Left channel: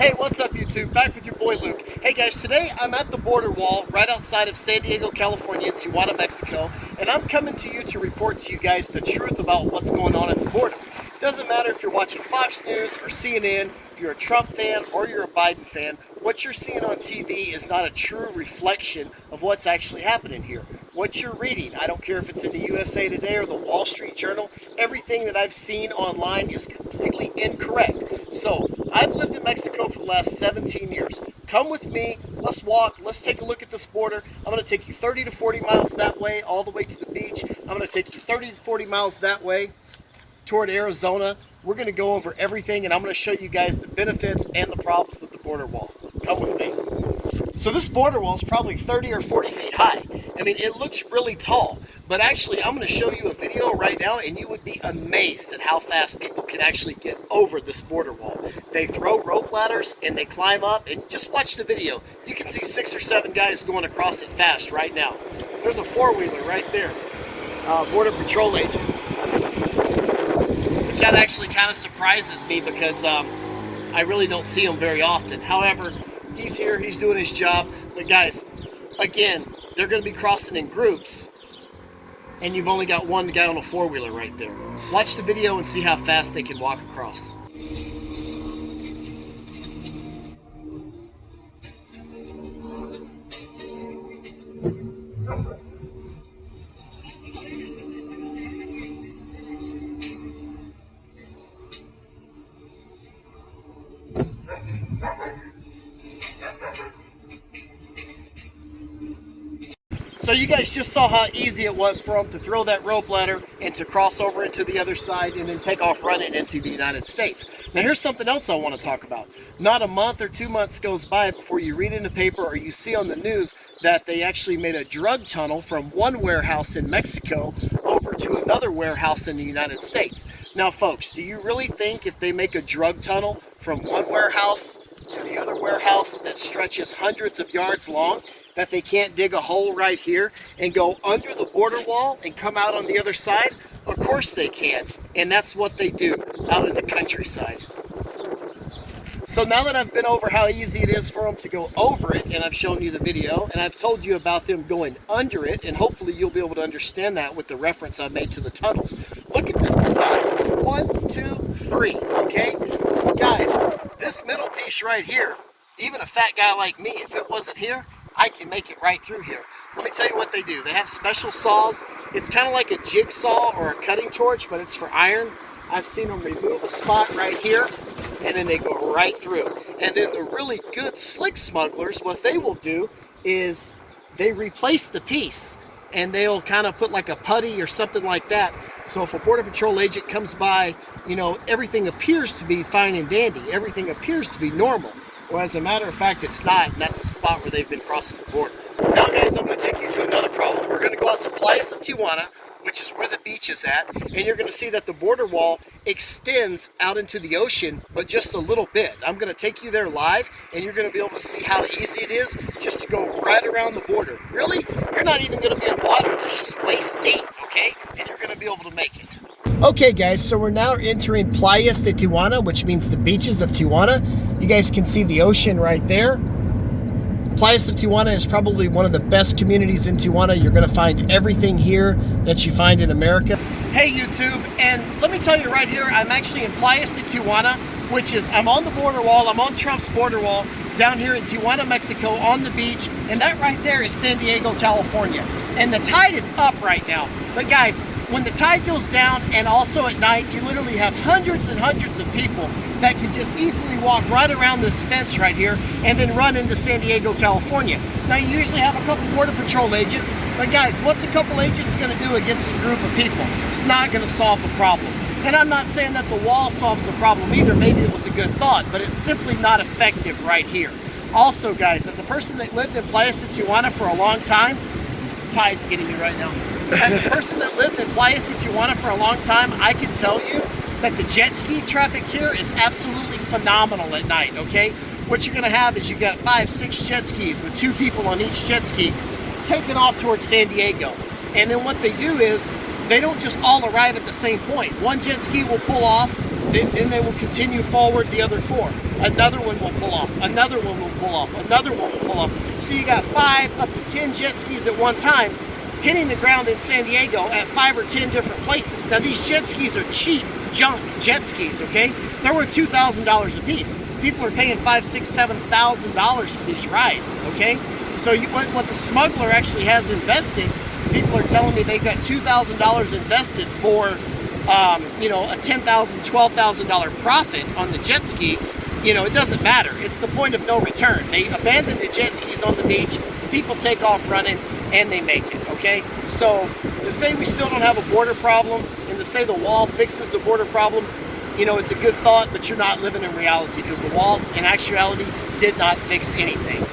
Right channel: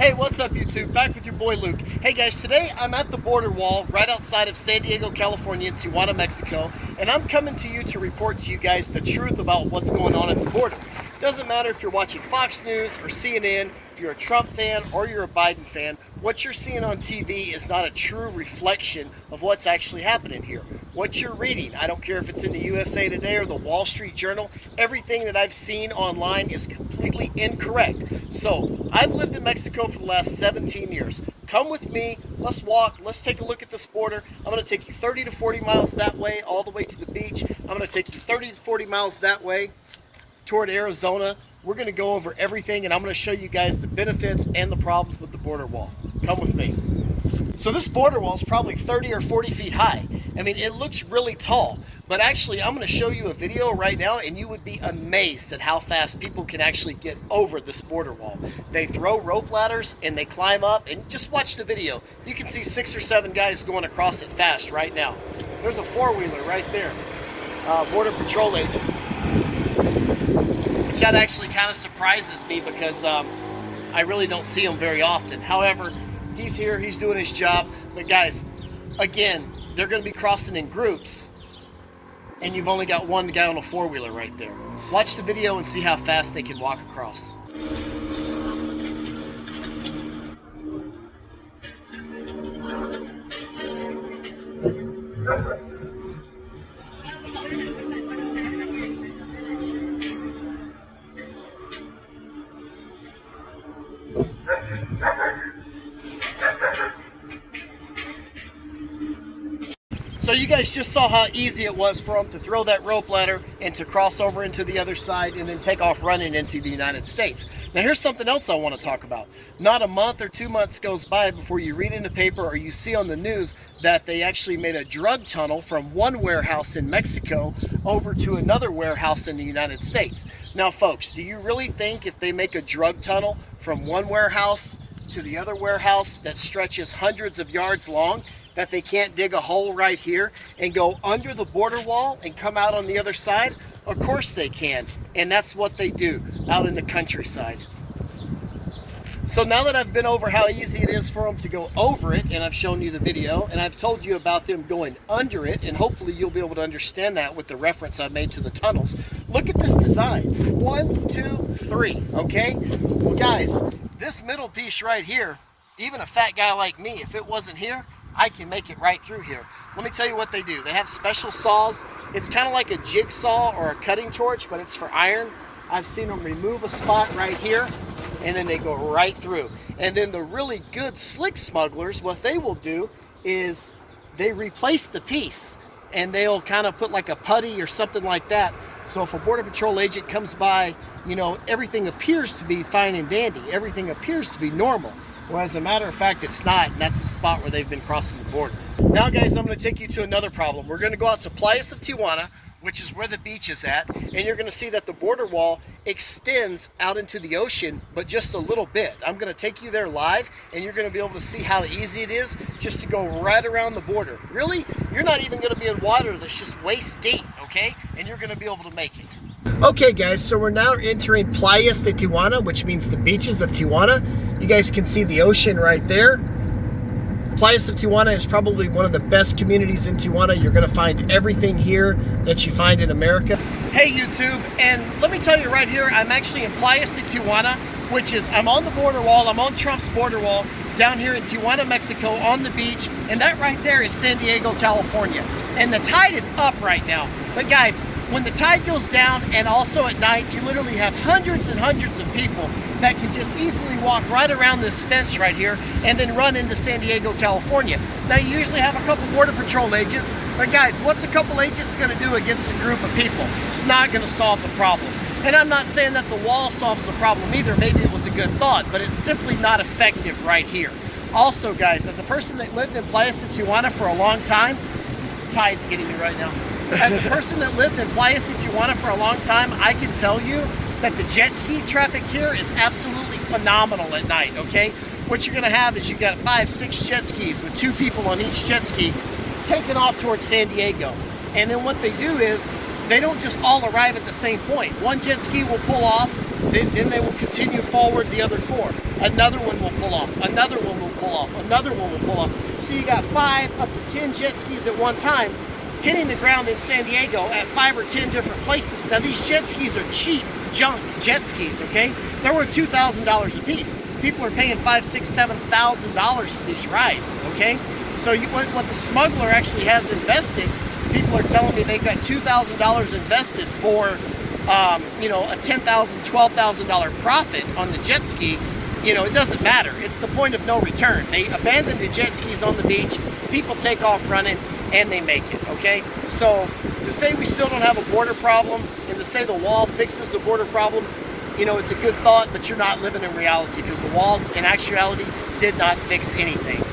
Hey, what's up YouTube? Back with your boy Luke. Hey guys, today I'm at the border wall right outside of San Diego, California, in Tijuana, Mexico, and I'm coming to you to report to you guys the truth about what's going on at the border. Doesn't matter if you're watching Fox News or CNN, if you're a Trump fan or you're a Biden fan, what you're seeing on TV is not a true reflection of what's actually happening here. What you're reading, I don't care if it's in the USA Today or the Wall Street Journal, everything that I've seen online is completely incorrect. So, I've lived in Mexico for the last 17 years. Come with me, let's walk, let's take a look at this border. I'm going to take you 30 to 40 miles that way, all the way to the beach. I'm going to take you 30 to 40 miles that way toward Arizona. We're going to go over everything, and I'm going to show you guys the benefits and the problems with the border wall. Come with me. So this border wall is probably 30 or 40 feet high. I mean, it looks really tall, but actually I'm going to show you a video right now and you would be amazed at how fast people can actually get over this border wall. They throw rope ladders and they climb up, and just watch the video. You can see 6 or 7 guys going across it fast right now. There's a four-wheeler right there, Border Patrol agent. Which that actually kind of surprises me because I really don't see him very often. However, he's here, he's doing his job. But guys, again, they're going to be crossing in groups, and you've only got one guy on a four-wheeler right there. Watch the video and see how fast they can walk across. So you guys just saw how easy it was for them to throw that rope ladder and to cross over into the other side and then take off running into the United States. Now here's something else I want to talk about. Not a month or 2 months goes by before you read in the paper or you see on the news that they actually made a drug tunnel from one warehouse in Mexico over to another warehouse in the United States. Now folks, do you really think if they make a drug tunnel from one warehouse to the other warehouse that stretches hundreds of yards long, that they can't dig a hole right here and go under the border wall and come out on the other side? Of course they can, and that's what they do out in the countryside. So now that I've been over how easy it is for them to go over it, and I've shown you the video, and I've told you about them going under it, and hopefully you'll be able to understand that with the reference I made to the tunnels. Look at this design. 1, 2, 3, okay? Guys, this middle piece right here, even a fat guy like me, if it wasn't here, I can make it right through here. Let me tell you what they do. They have special saws. It's kind of like a jigsaw or a cutting torch, but it's for iron. I've seen them remove a spot right here, and then they go right through. And then the really good slick smugglers, what they will do is they replace the piece, and they'll kind of put like a putty or something like that. So if a Border Patrol agent comes by, you know, everything appears to be fine and dandy. Everything appears to be normal. Well, as a matter of fact, it's not, and that's the spot where they've been crossing the border. Now, guys, I'm going to take you to another problem. We're going to go out to Playas of Tijuana, which is where the beach is at, and you're going to see that the border wall extends out into the ocean, but just a little bit. I'm going to take you there live, and you're going to be able to see how easy it is just to go right around the border. Really, you're not even going to be in water that's just waist deep, okay? And you're going to be able to make it. Okay guys, so we're now entering Playas de Tijuana, which means the beaches of Tijuana. You guys can see the ocean right there. Playas of Tijuana is probably one of the best communities in Tijuana. You're going to find everything here that you find in America. Hey YouTube, and let me tell you right here, I'm actually in Playas de Tijuana, which is, I'm on the border wall, I'm on Trump's border wall, down here in Tijuana, Mexico, on the beach, and that right there is San Diego, California. And the tide is up right now. But guys, when the tide goes down and also at night, you literally have hundreds and hundreds of people that can just easily walk right around this fence right here and then run into San Diego, California. Now you usually have a couple Border Patrol agents, but guys, what's a couple agents going to do against a group of people? It's not going to solve the problem. And I'm not saying that the wall solves the problem either. Maybe it was a good thought, but it's simply not effective right here. Also guys, as a person that lived in Playas de Tijuana for a long time, tide's getting me right now. As a person that lived in Playas de Tijuana for a long time, I can tell you that the jet ski traffic here is absolutely phenomenal at night, okay? What you're gonna have is you got 5, 6 jet skis with 2 people on each jet ski taking off towards San Diego. And then what they do is, they don't just all arrive at the same point. One jet ski will pull off, Then they will continue forward the other 4. Another one will pull off. Another one will pull off. Another one will pull off. So you got 5 up to 10 jet skis at one time hitting the ground in San Diego at 5 or 10 different places. Now these jet skis are cheap junk jet skis, okay? They're worth $2,000 a piece. People are paying $5,000, $6,000, $7,000 for these rides, okay? So what the smuggler actually has invested, people are telling me they've got $2,000 invested for, you know, a $10,000, $12,000 profit on the jet ski. You know, it doesn't matter. It's the point of no return. They abandon the jet skis on the beach, people take off running, and they make it, okay? So to say we still don't have a border problem and to say the wall fixes the border problem, you know, it's a good thought, but you're not living in reality, because the wall, in actuality, did not fix anything.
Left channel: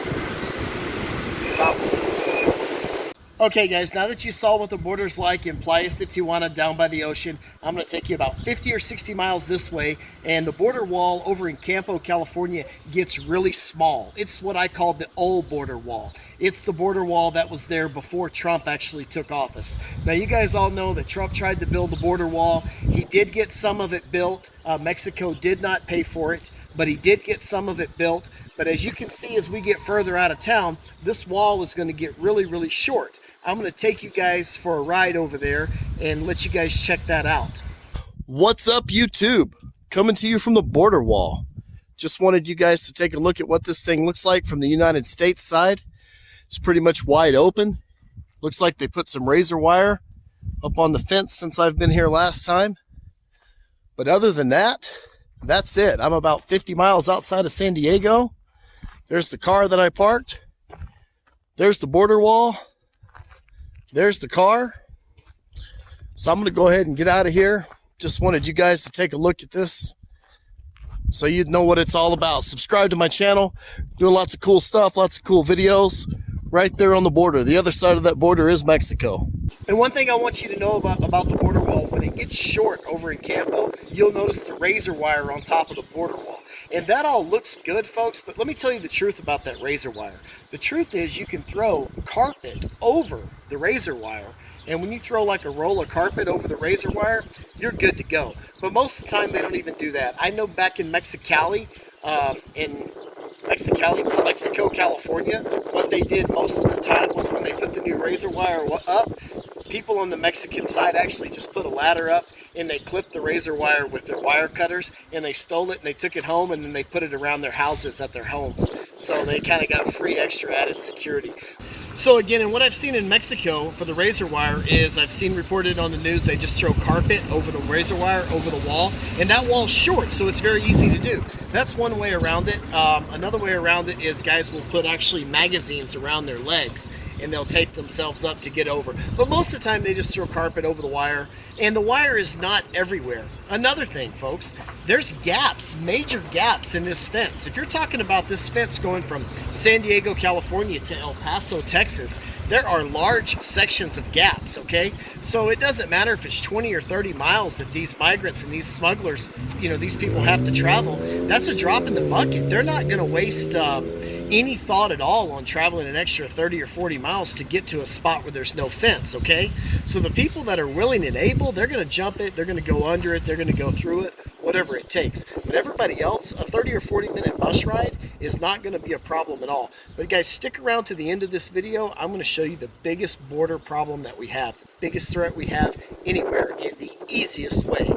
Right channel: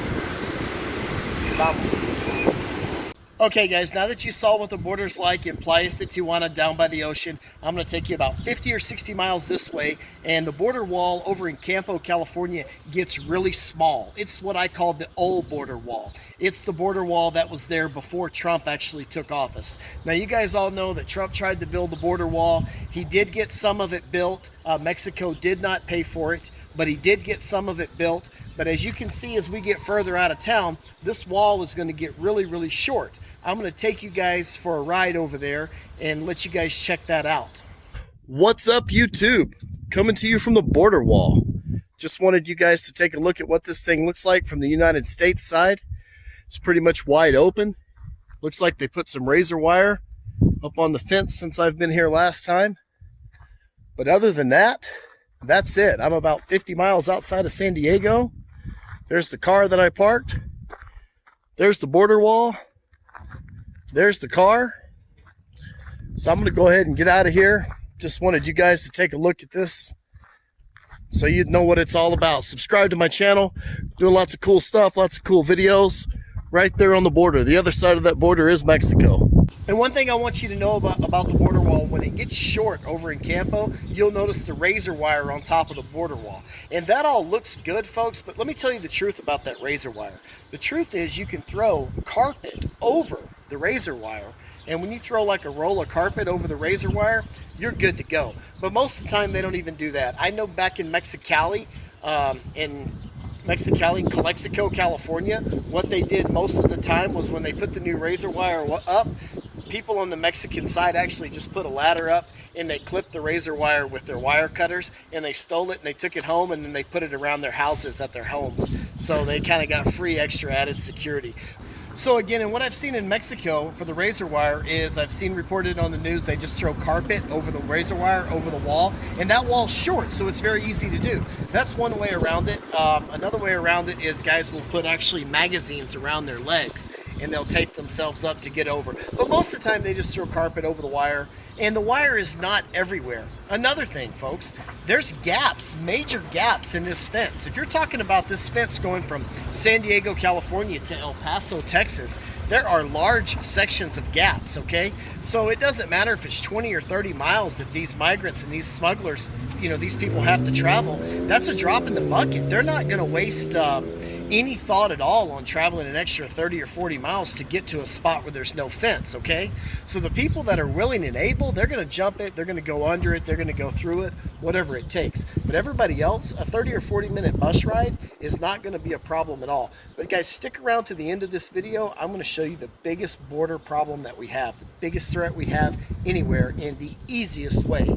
Okay guys, now that you saw what the border's like in Playas de Tijuana down by the ocean, I'm going to take you about 50 or 60 miles this way, and the border wall over in Campo, California gets really small. It's what I call the old border wall. It's the border wall that was there before Trump actually took office. Now you guys all know that Trump tried to build the border wall. He did get some of it built. Mexico did not pay for it, but he did get some of it built. But as you can see, as we get further out of town, this wall is going to get really, really short. I'm going to take you guys for a ride over there and let you guys check that out. What's up, YouTube? Coming to you from the border wall. Just wanted you guys to take a look at what this thing looks like from the United States side. It's pretty much wide open. Looks like they put some razor wire up on the fence since I've been here last time. But other than that, that's it. I'm about 50 miles outside of San Diego. There's the car that I parked. There's the border wall. There's the car. So I'm going to go ahead and get out of here. Just wanted you guys to take a look at this so you'd know what it's all about. Subscribe to my channel. Doing lots of cool stuff, lots of cool videos right there on the border. The other side of that border is Mexico. And one thing I want you to know about the border wall, when it gets short over in Campo, you'll notice the razor wire on top of the border wall. And that all looks good, folks, but let me tell you the truth about that razor wire. The truth is you can throw carpet over the razor wire, and when you throw like a roll of carpet over the razor wire, you're good to go. But most of the time they don't even do that. I know back in Mexico, California, what they did most of the time was when they put the new razor wire up, people on the Mexican side actually just put a ladder up and they clipped the razor wire with their wire cutters, and they stole it and they took it home, and then they put it around their houses at their homes. So they kind of got free extra added security. So again, and what I've seen in Mexico for the razor wire is I've seen reported on the news they just throw carpet over the razor wire over the wall, and that wall's short, so it's very easy to do. That's one way around it. Another way around it is guys will put actually magazines around their legs, and they'll tape themselves up to get over. But most of the time they just throw carpet over the wire, and the wire is not everywhere. Another thing, folks, there's gaps, major gaps in this fence. If you're talking about this fence going from San Diego, California to El Paso, Texas, there are large sections of gaps, okay? So it doesn't matter if it's 20 or 30 miles that these migrants and these smugglers, you know, these people have to travel. That's a drop in the bucket. They're not going to waste any thought at all on traveling an extra 30 or 40 miles to get to a spot where there's no fence, okay? So the people that are willing and able, they're going to jump it, they're going to go under it, they're going to go through it, whatever it takes. But everybody else, a 30 or 40 minute bus ride is not going to be a problem at all. But guys, stick around to the end of this video. I'm going to show you the biggest border problem that we have, the biggest threat we have anywhere, in the easiest way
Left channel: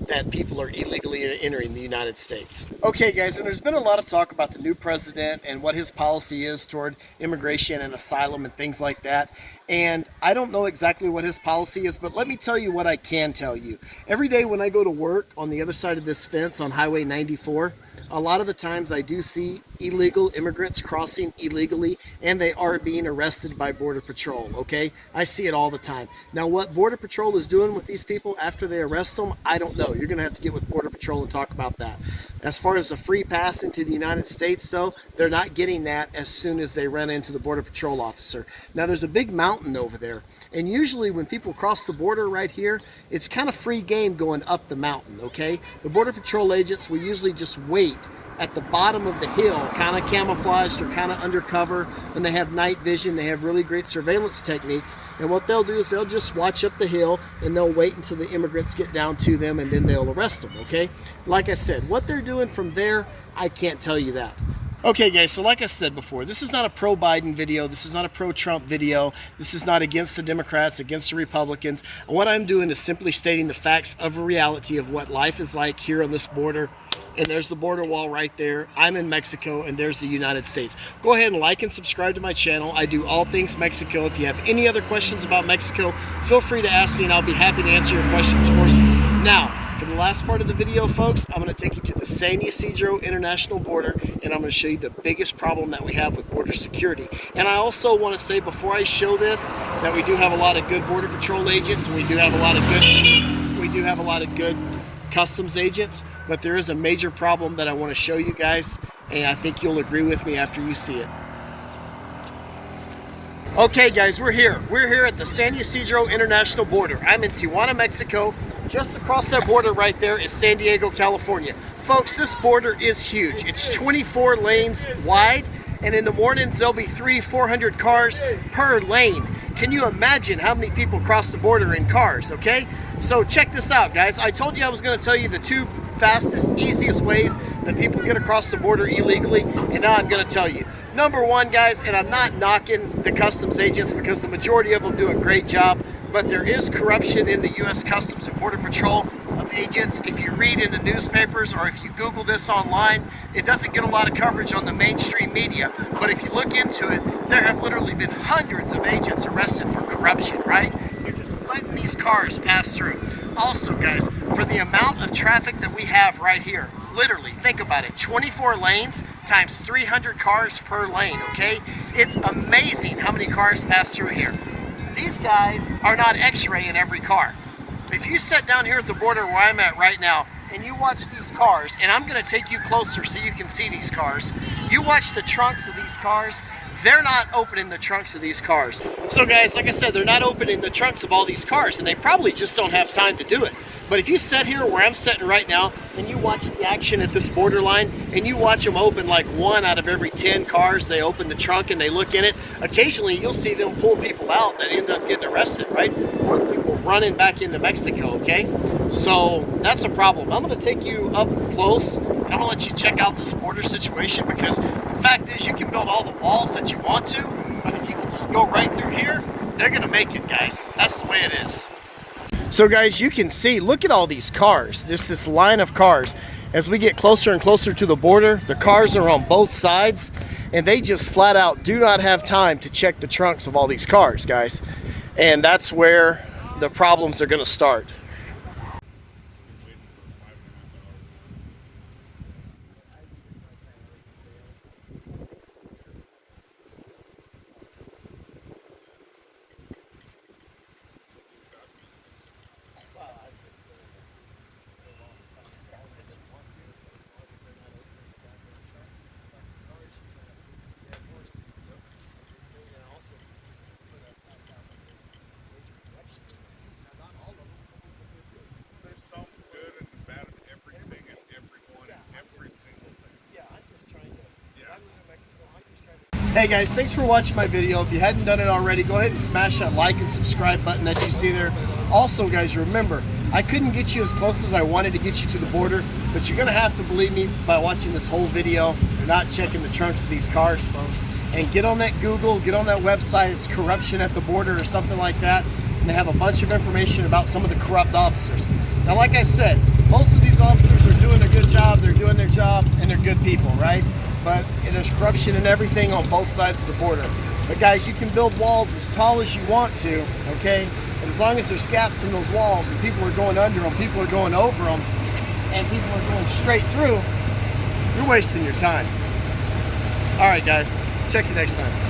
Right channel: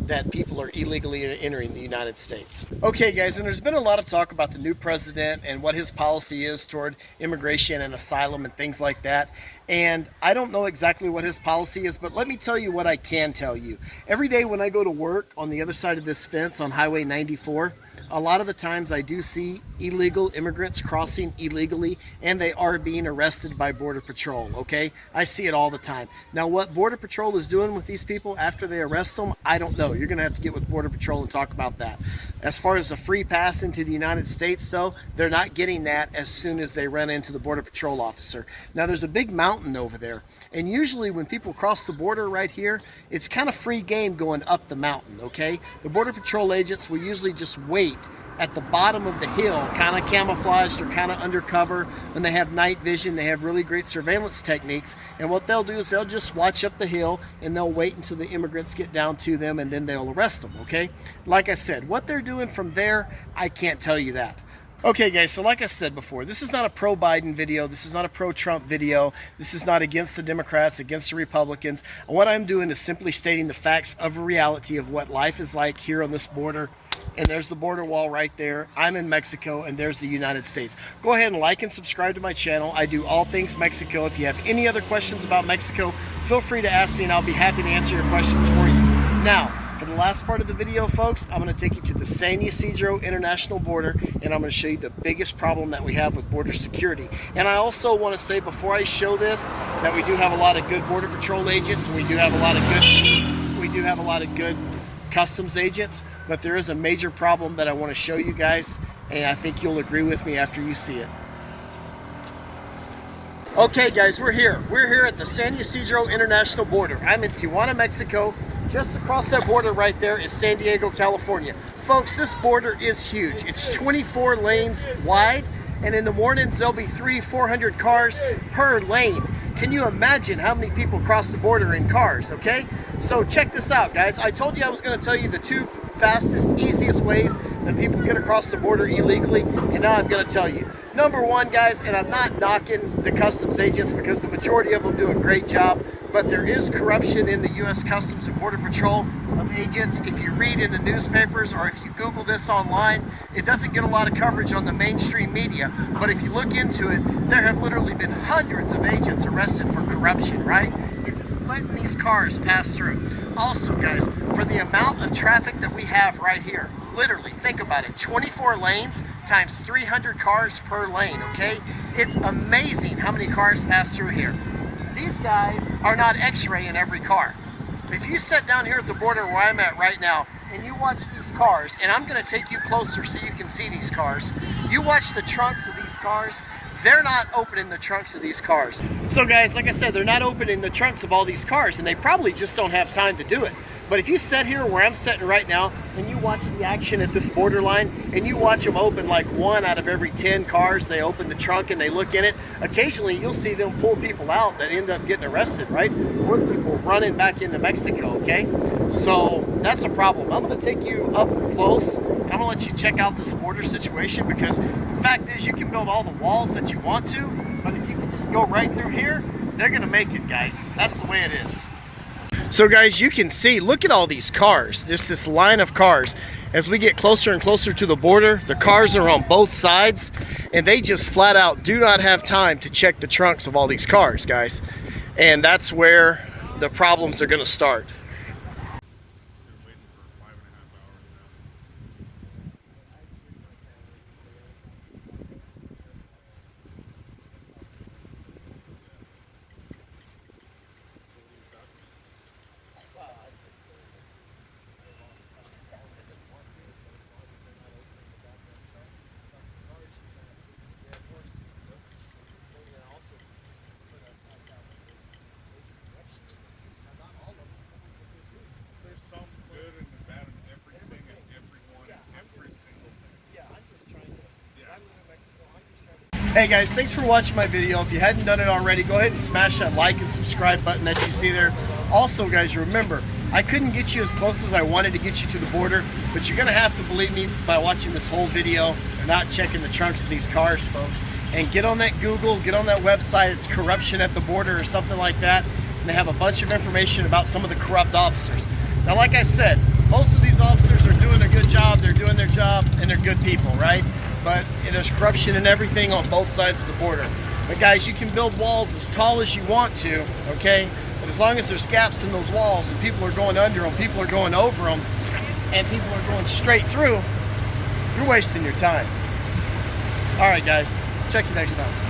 that people are illegally entering the United States. Okay guys, and there's been a lot of talk about the new president and what his policy is toward immigration and asylum and things like that. And I don't know exactly what his policy is, but let me tell you what I can tell you. Every day when I go to work on the other side of this fence on Highway 94, a lot of the times I do see illegal immigrants crossing illegally, and they are being arrested by Border Patrol, okay? I see it all the time. Now, what Border Patrol is doing with these people after they arrest them, I don't know. You're going to have to get with Border Patrol and talk about that. As far as the free pass into the United States, though, they're not getting that as soon as they run into the Border Patrol officer. Now, there's a big mountain over there, and usually when people cross the border right here, it's kind of free game going up the mountain, okay? The Border Patrol agents will usually just wait at the bottom of the hill, kind of camouflaged or kind of undercover. When they have night vision, they have really great surveillance techniques. And what they'll do is they'll just watch up the hill and they'll wait until the immigrants get down to them, and then they'll arrest them, okay? Like I said, what they're doing from there, I can't tell you that. Okay guys, so like I said before, this is not a pro-Biden video, this is not a pro-Trump video, this is not against the Democrats, against the Republicans. What I'm doing is simply stating the facts of a reality of what life is like here on this border. And there's the border wall right there. I'm in Mexico, and there's the United States. Go ahead and like and subscribe to my channel. I do all things Mexico. If you have any other questions about Mexico, feel free to ask me and I'll be happy to answer your questions for you. Now, for the last part of the video, folks, I'm going to take you to the San Ysidro International Border, and I'm going to show you the biggest problem that we have with border security. And I also want to say before I show this that we do have a lot of good Border Patrol agents, and we do have a lot of good customs agents, but there is a major problem that I want to show you guys, and I think you'll agree with me after you see it. Okay guys, we're here at the San Ysidro International Border. I'm in Tijuana, Mexico. Just across that border right there is San Diego, California. Folks, this border is huge. It's 24 lanes wide, and in the mornings there'll be 300-400 cars per lane. Can you imagine how many people cross the border in cars, okay? So check this out, guys. I told you I was going to tell you the two fastest, easiest ways that people get across the border illegally, and now I'm going to tell you. Number one, guys, and I'm not knocking the customs agents because the majority of them do a great job, but there is corruption in the U.S. Customs and Border Patrol agents. If you read in the newspapers or if you Google this online, it doesn't get a lot of coverage on the mainstream media. But if you look into it, there have literally been hundreds of agents arrested for corruption, right? They're just letting these cars pass through. Also, guys, for the amount of traffic that we have right here, literally, think about it, 24 lanes times 300 cars per lane, okay? It's amazing how many cars pass through here. These guys are not x-ray in every car. If you sit down here at the border where I'm at right now and you watch these cars, and I'm going to take you closer so you can see these cars, you watch the trunks of these cars, they're not opening the trunks of these cars. So guys, like I said, they're not opening the trunks of all these cars, and they probably just don't have time to do it. But if you sit here where I'm sitting right now and you watch the action at this borderline and you watch them open like 1 out of every 10 cars, they open the trunk and they look in it, occasionally you'll see them pull people out that end up getting arrested, right? Or the people running back into Mexico, okay? So that's a problem. I'm going to take you up close and I'm going to let you check out this border situation, because the fact is you can build all the walls that you want to, but if you can just go right through here, they're going to make it, guys. That's the way it is. So guys, you can see, look at all these cars, just this line of cars. As we get closer and closer to the border, the cars are on both sides, and they just flat out do not have time to check the trunks of all these cars, guys. And that's where the problems are going to start. Hey guys, thanks for watching my video. If you hadn't done it already, go ahead and smash that like and subscribe button that you see there. Also guys, remember, I couldn't get you as close as I wanted to get you to the border, but you're gonna have to believe me by watching this whole video and not checking the trunks of these cars, folks. And get on that Google, get on that website, it's Corruption at the Border or something like that, and they have a bunch of information about some of the corrupt officers. Now like I said, most of these officers are doing a good job, they're doing their job, and they're good people, right? But there's corruption and everything on both sides of the border. But guys, you can build walls as tall as you want to, okay? But as long as there's gaps in those walls and people are going under them, people are going over them, and people are going straight through, you're wasting your time. All right, guys, check you next time.